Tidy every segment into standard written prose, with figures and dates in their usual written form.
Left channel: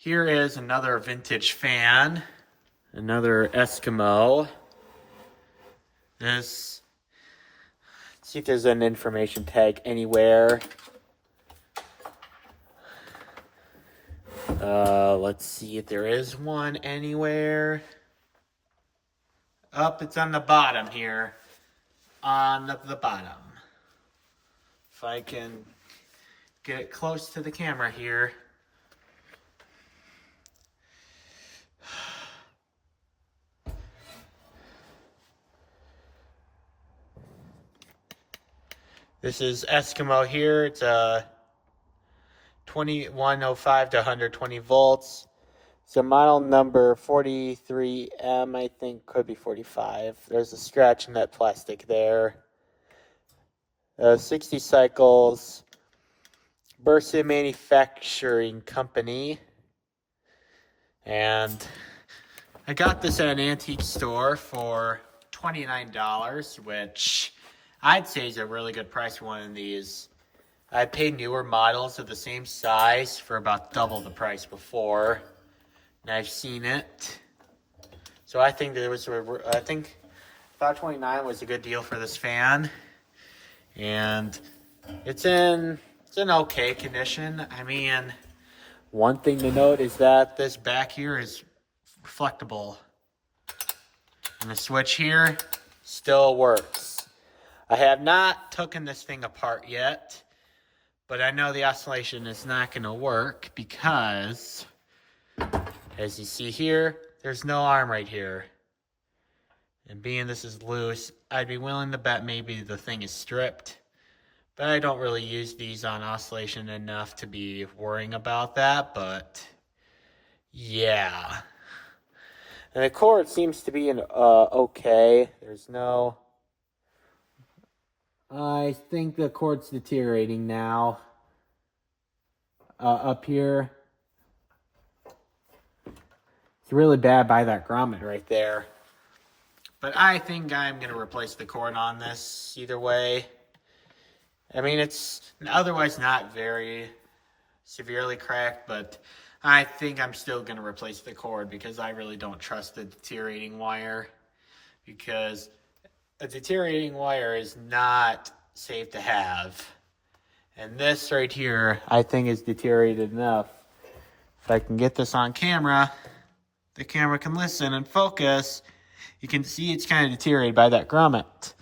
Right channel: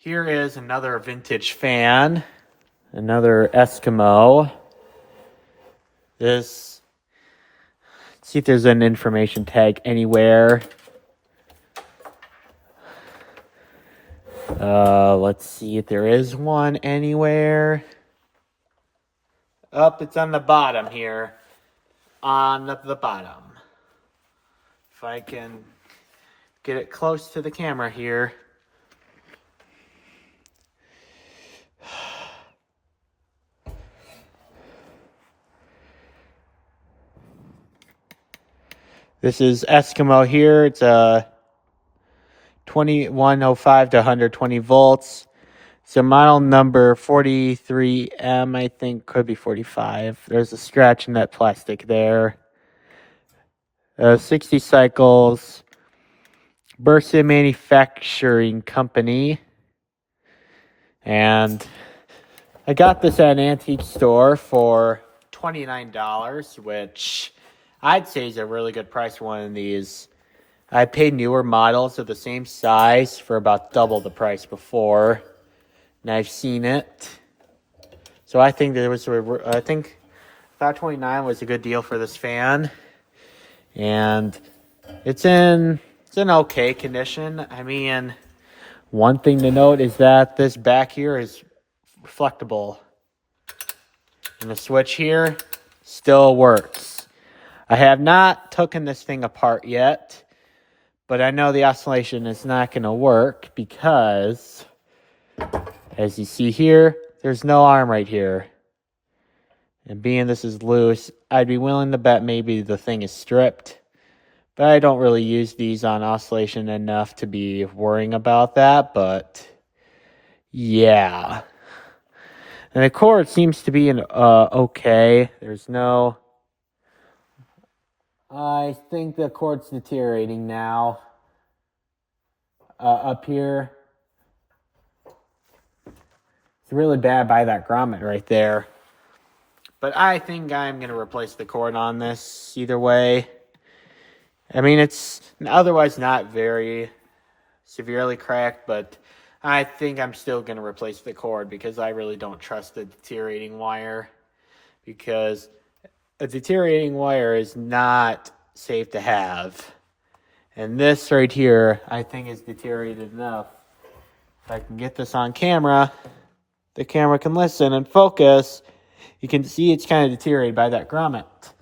Here is another vintage fan, another Eskimo. Let's see if there's an information tag anywhere. Let's see if there is one anywhere. It's on the bottom here. On the bottom. If I can get it close to the camera here. This is Eskimo here. It's a 2105 to 120 volts. It's a model number 43M, I think, could be 45. There's a scratch in that plastic there. 60 cycles. Bursa Manufacturing Company. And I got this at an antique store for $29, which I'd say is a really good price for one of these. I paid newer models of the same size for about double the price before, and I've seen it. So I think about 29 was a good deal for this fan, and it's in okay condition. I mean, one thing to note is that this back here is reflectable, and the switch here still works. I have not taken this thing apart yet, but I know the oscillation is not going to work because, as you see here, there's no arm right here. And being this is loose, I'd be willing to bet maybe the thing is stripped. But I don't really use these on oscillation enough to be worrying about that, but yeah. And the cord seems to be okay. There's no... I think the cord's deteriorating now. Up here. It's really bad by that grommet right there. But I think I'm going to replace the cord on this either way. I mean, it's otherwise not very severely cracked, but I think I'm still going to replace the cord because I really don't trust the deteriorating wire. Because a deteriorating wire is not safe to have. And this right here, I think, is deteriorated enough. If I can get this on camera, the camera can listen and focus. You can see it's kind of deteriorated by that grommet.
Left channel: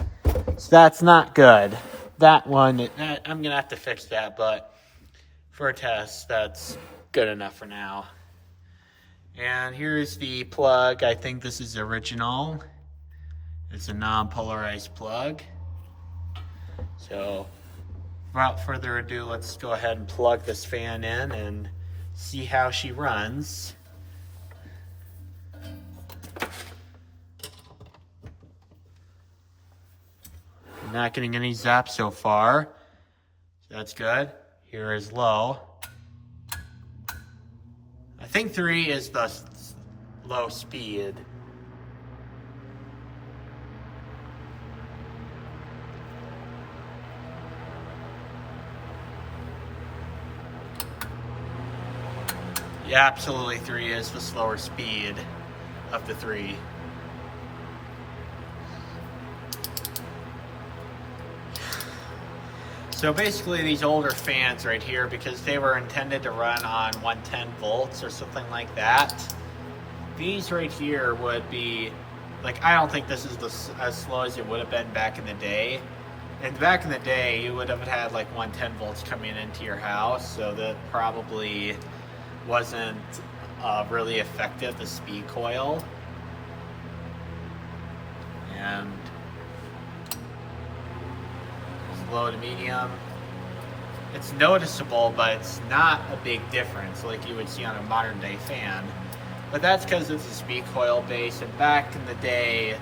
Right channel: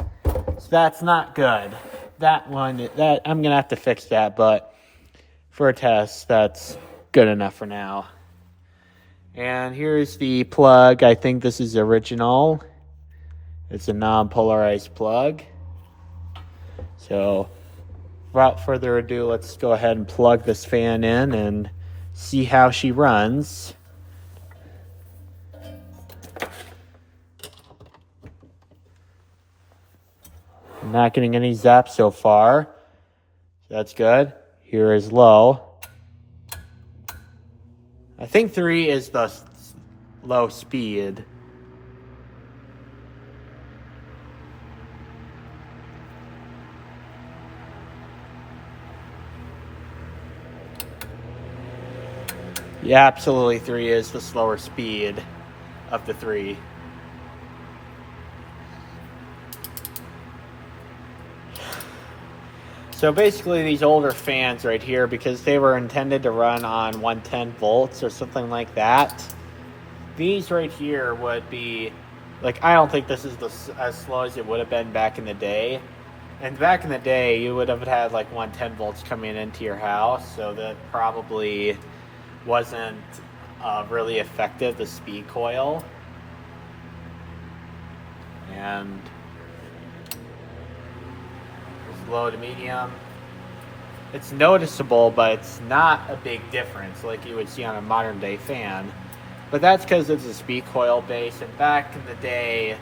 So that's not good. That one, I'm going to have to fix that, but for a test, that's good enough for now. And here's the plug. I think this is original. It's a non-polarized plug. So, without further ado, let's go ahead and plug this fan in and see how she runs. I'm not getting any zaps so far. That's good. Here is low. I think 3 is the low speed. Yeah, absolutely 3 is the slower speed of the 3. So basically these older fans right here, because they were intended to run on 110 volts or something like that, these right here would be, like, I don't think this is as slow as it would have been back in the day. And back in the day, you would have had like 110 volts coming into your house, so that probably wasn't really effective, the speed coil. And low to medium, it's noticeable, but it's not a big difference like you would see on a modern day fan. But that's because it's a speed coil base, and back in the day,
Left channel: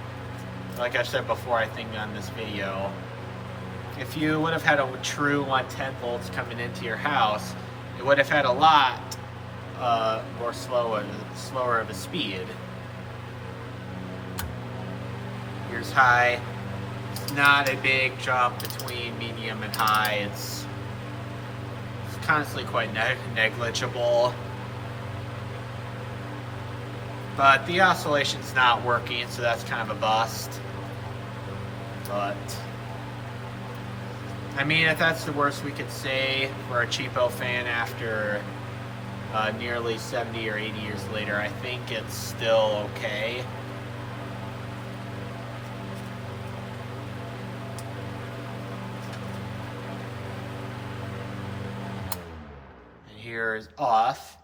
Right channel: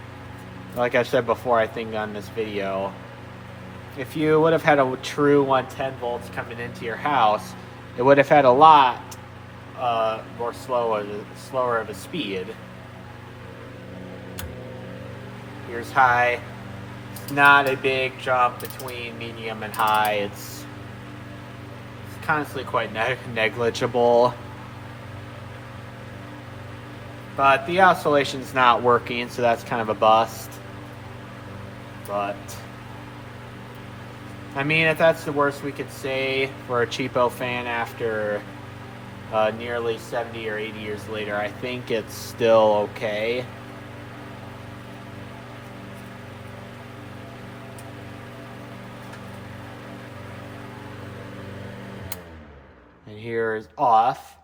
like I said before, I think on this video, if you would have had a true 110 volts coming into your house, it would have had a lot slower of a speed. Here's high. It's not a big jump between medium and high. It's constantly quite negligible. But the oscillation's not working, so that's kind of a bust. But I mean, if that's the worst we could say for a cheapo fan after nearly 70 or 80 years later, I think it's still okay. And here is off.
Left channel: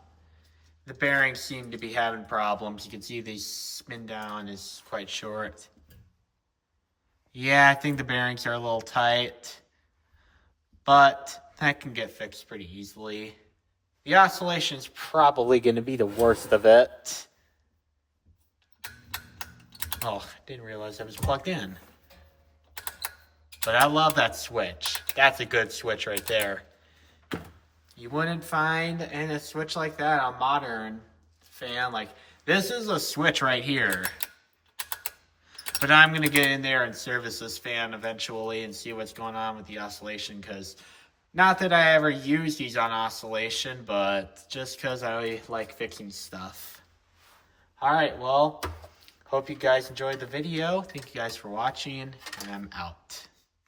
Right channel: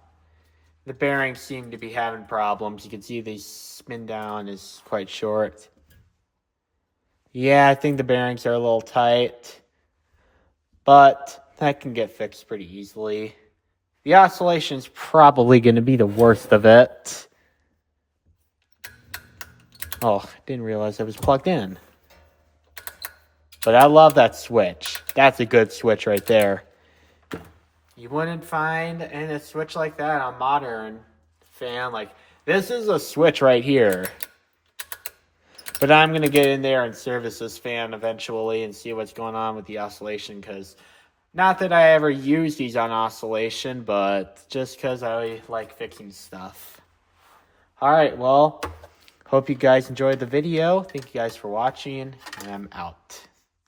The bearings seem to be having problems. You can see the spin down is quite short. Yeah, I think the bearings are a little tight, but that can get fixed pretty easily. The oscillation is probably going to be the worst of it. Oh, didn't realize I was plugged in. But I love that switch. That's a good switch right there. You wouldn't find a switch like that on a modern fan. Like, this is a switch right here. But I'm going to get in there and service this fan eventually and see what's going on with the oscillation, because not that I ever use these on oscillation, but just because I like fixing stuff. Alright, well, hope you guys enjoyed the video. Thank you guys for watching, and I'm out.